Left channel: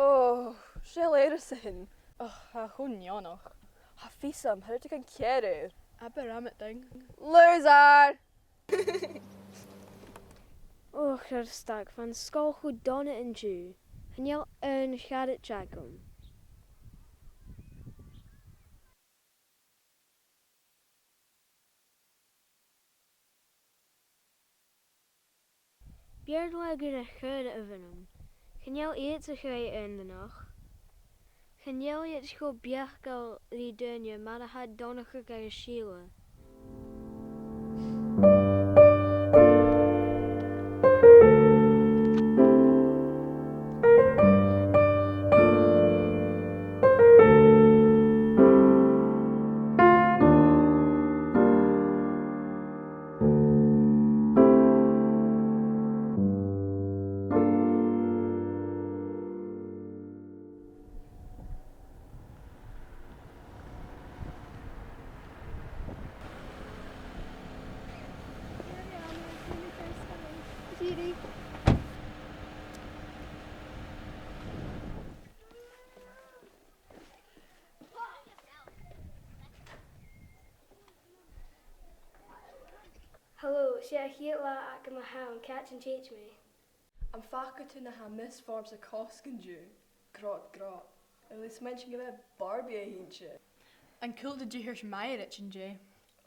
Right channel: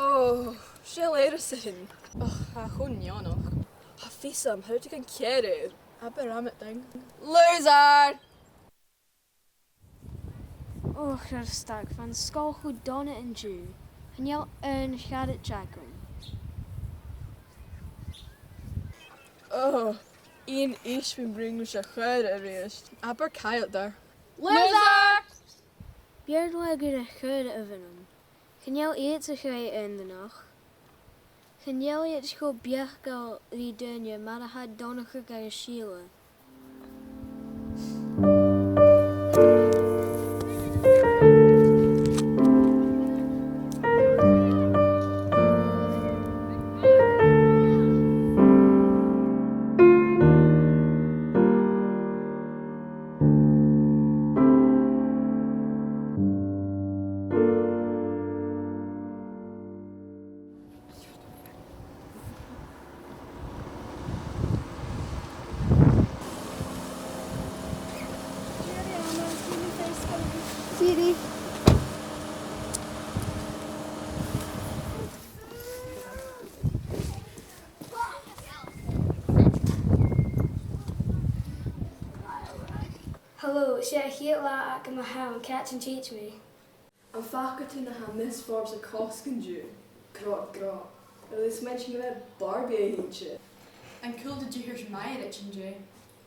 Oh, she'll eir a sin. Och, ha chwn ionach. Ha fisam, how to gan cearú? Aber am it ding. Loser! Oh, Gyrstag, van school goed donnen en Jew. En jou een gaat het jacken. Oh, Iain Isbean bring us a chèile reist. Aber caileag daar. Loser! Björn goed een geude evenem. Gaan jou eten gij in de nacht? Gaan jou het school bjergel die dunje, maar dat had donnige gij schiele. Tiree. Hello, it's chéile ac am ham, catch and teach me. An faculty na ha misforbs a coscan Jew. Gra. Is mention you had Barbie a hitje. En cool did you hear my rich and Jay?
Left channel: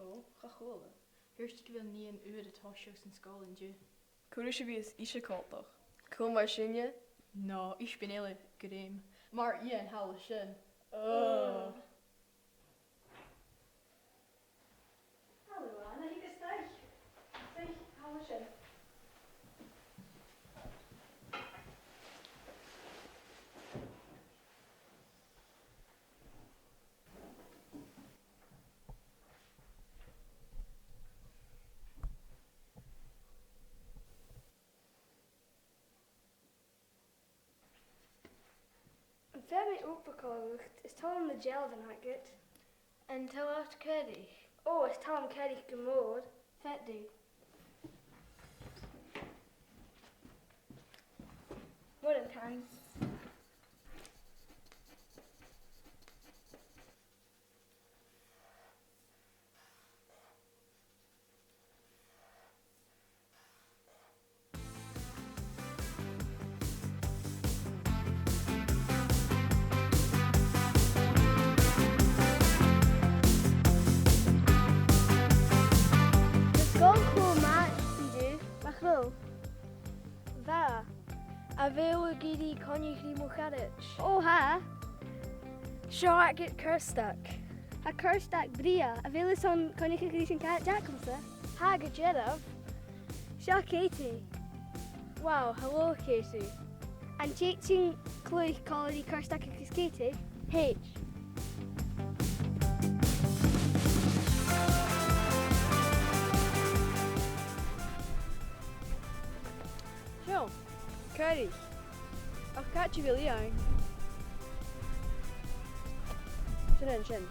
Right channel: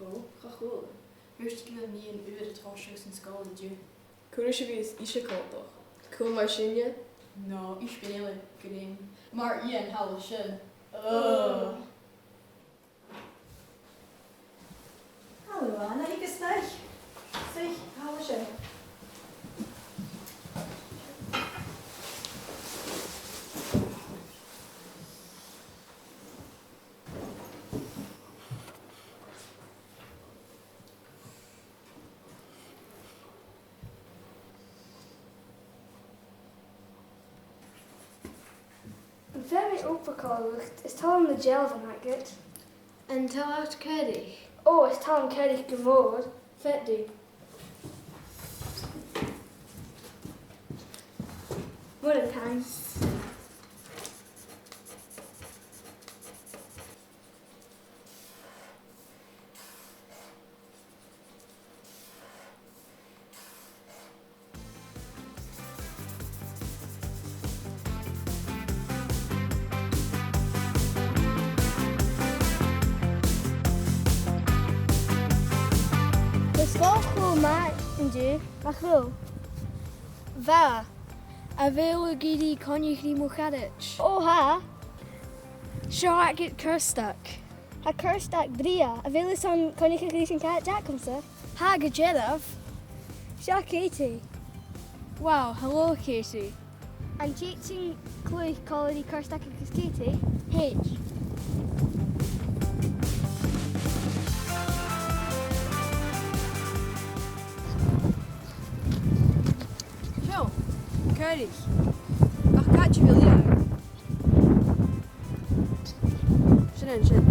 Oh, ga cool. Here's to give me an uile at horseshoes in school and Jew. Cúris is ishe coltach. Cool mar sinne? No, Isbean green. Maar Iain hal sin. Hallo Anna, ik is snel. Zeg, hou eens in. Very opgekalderd. Is Tom de gel van het? En tel uit Caileag. Oh, is Tom caileag geworden? Vet die. What a time. Achlo. Va. A veel gidi konjig li mochadich. Oh ha. Seach het Gyrstag. Ha Gyrstag dria. A veel is on konjig gris en cat jackomse. Ha gejedaf. Sha Katie. Wow, hello Casey. And Jason Chloe Colony Gyrstag en Katie. H. Zo, Tiree. Ach, gaat je wil je? Sin.